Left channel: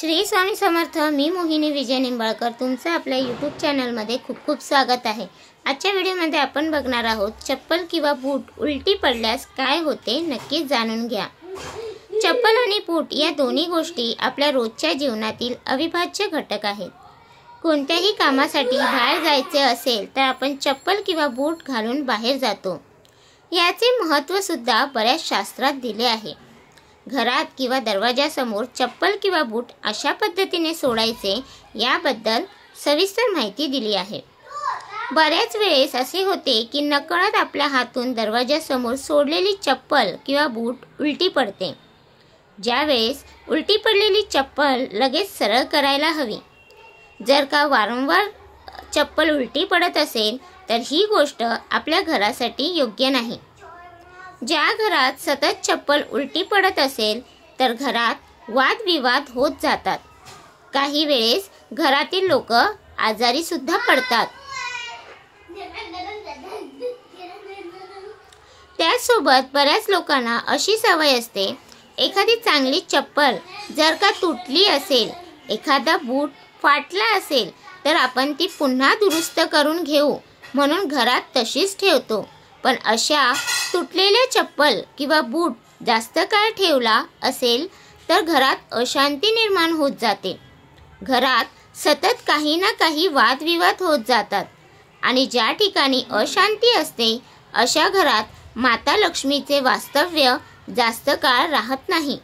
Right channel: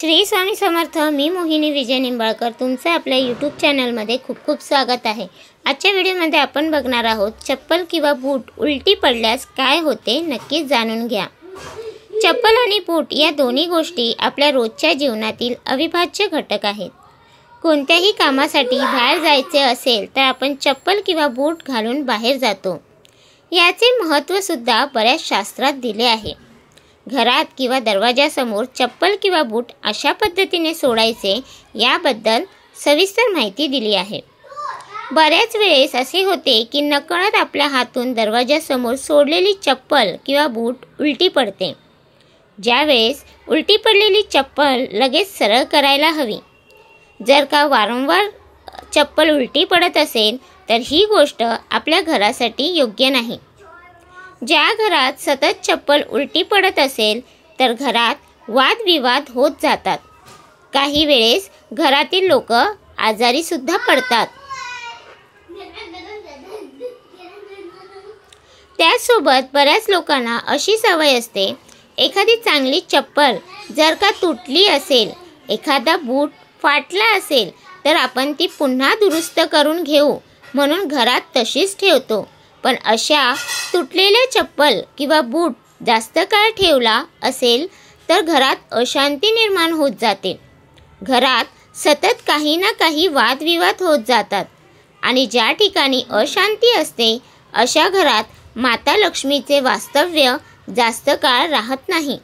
श्री स्वामी समर्थ। मी मोहिनी विजय निंबाळकर तुमचे आपल्या यूट्यूब चॅनलमध्ये खूप खूप स्वागत आहे। आजच्या व्हिडिओमध्ये आपण बघणार आहोत चप्पल किंवा बूट उलटी पडल्यास काय होते, नक्कीच जाणून घ्या। चप्पल आणि बूट या दोन्ही गोष्टी आपल्या रोजच्या जीवनातील अविभाज्य घटक आहेत। कोणत्याही कामासाठी बाहेर जायचे असेल तर आपण चप्पल किंवा बूट घालून बाहेर जातो। याचे महत्त्व सुद्धा बऱ्याच शास्त्रात दिले आहे। घरात किंवा दरवाजासमोर चप्पल किंवा बूट अशा पद्धतीने सोडायचे याबद्दल सविस्तर माहिती दिली आहे। बऱ्याच वेळेस असे होते की नकळत आपल्या हातून दरवाजासमोर सोडलेली चप्पल किंवा बूट उलटी पडते। ज्यावेळेस उलटी पडलेली चप्पल लगेच सरळ करायला हवी। जर का वारंवार चप्पल उलटी पडत असेल तर ही गोष्ट आपल्या घरासाठी योग्य नाही। ज्या घरात सतत चप्पल उलटी पडत असेल तर घरात वादविवाद होत जातात। काही वेळेस घरातील लोक आजारी सुद्धा पडतात। त्यासोबत बऱ्याच लोकांना अशी सवय असते, एखादी चांगली चप्पल जर का तुटली असेल, एखादा बूट फाटला असेल तर आपण ती पुन्हा दुरुस्त करून घेऊ म्हणून घरात तशीच ठेवतो। पण अशा तुटलेल्या चप्पल किंवा बूट जास्त काळ ठेवला असेल तर घरात अशांती निर्माण होत जाते। घरात सतत काही ना काही वादविवाद होत जातात आणि ज्या ठिकाणी अशांती असते अशा घरात माता लक्ष्मीचे वास्तव्य जास्त काळ राहत नाही।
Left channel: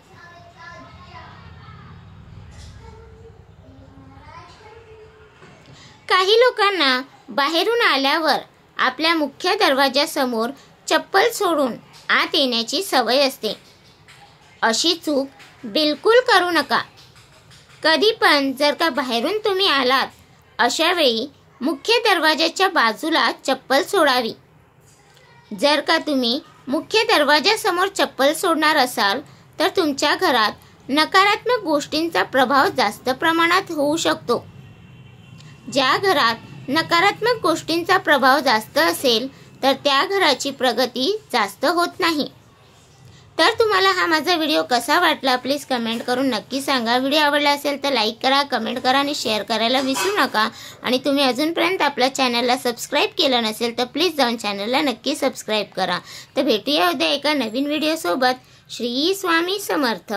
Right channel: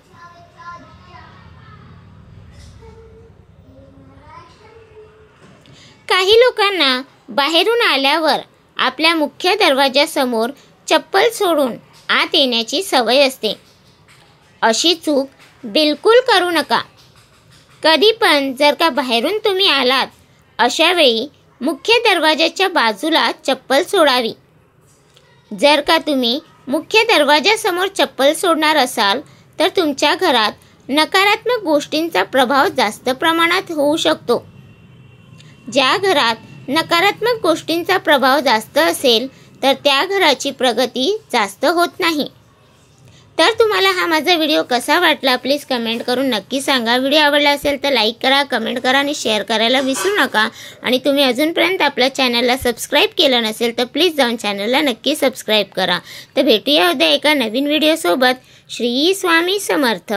काही लोकांना बाहेरून आल्यावर आपल्या मुख्य दरवाजासमोर चप्पल सोडून आत येण्याची सवय असते। अशी चूक बिलकुल करू नका। कधी पण जर का बाहेरून तुम्ही आलात अशा वेळी मुख्य दरवाजाच्या बाजूला चप्पल सोडावी। जर का तुम्ही मुख्य दरवाजासमोर चप्पल सोडणार असाल तर तुमच्या घरात नकारात्मक गोष्टींचा प्रभाव जास्त प्रमाणात होऊ शकतो। ज्या घरात नकारात्मक गोष्टींचा प्रभाव जास्त असेल तर त्या घराची प्रगती जास्त होत नाही। तर तुम्हाला हा माझा व्हिडिओ कसा वाटला प्लीज कमेंट करून नक्की सांगा। व्हिडिओ आवडला असेल तर लाईक करा, कमेंट करा आणि शेअर करायला विसरू नका। आणि तुम्ही अजूनपर्यंत आपल्या चॅनलला सबस्क्राईब केलं नसेल तर प्लीज जाऊन चॅनलला नक्की सबस्क्राईब करा। तर भेटूया उद्या एका नवीन व्हिडिओ सोबत। श्री स्वामी समर्थ।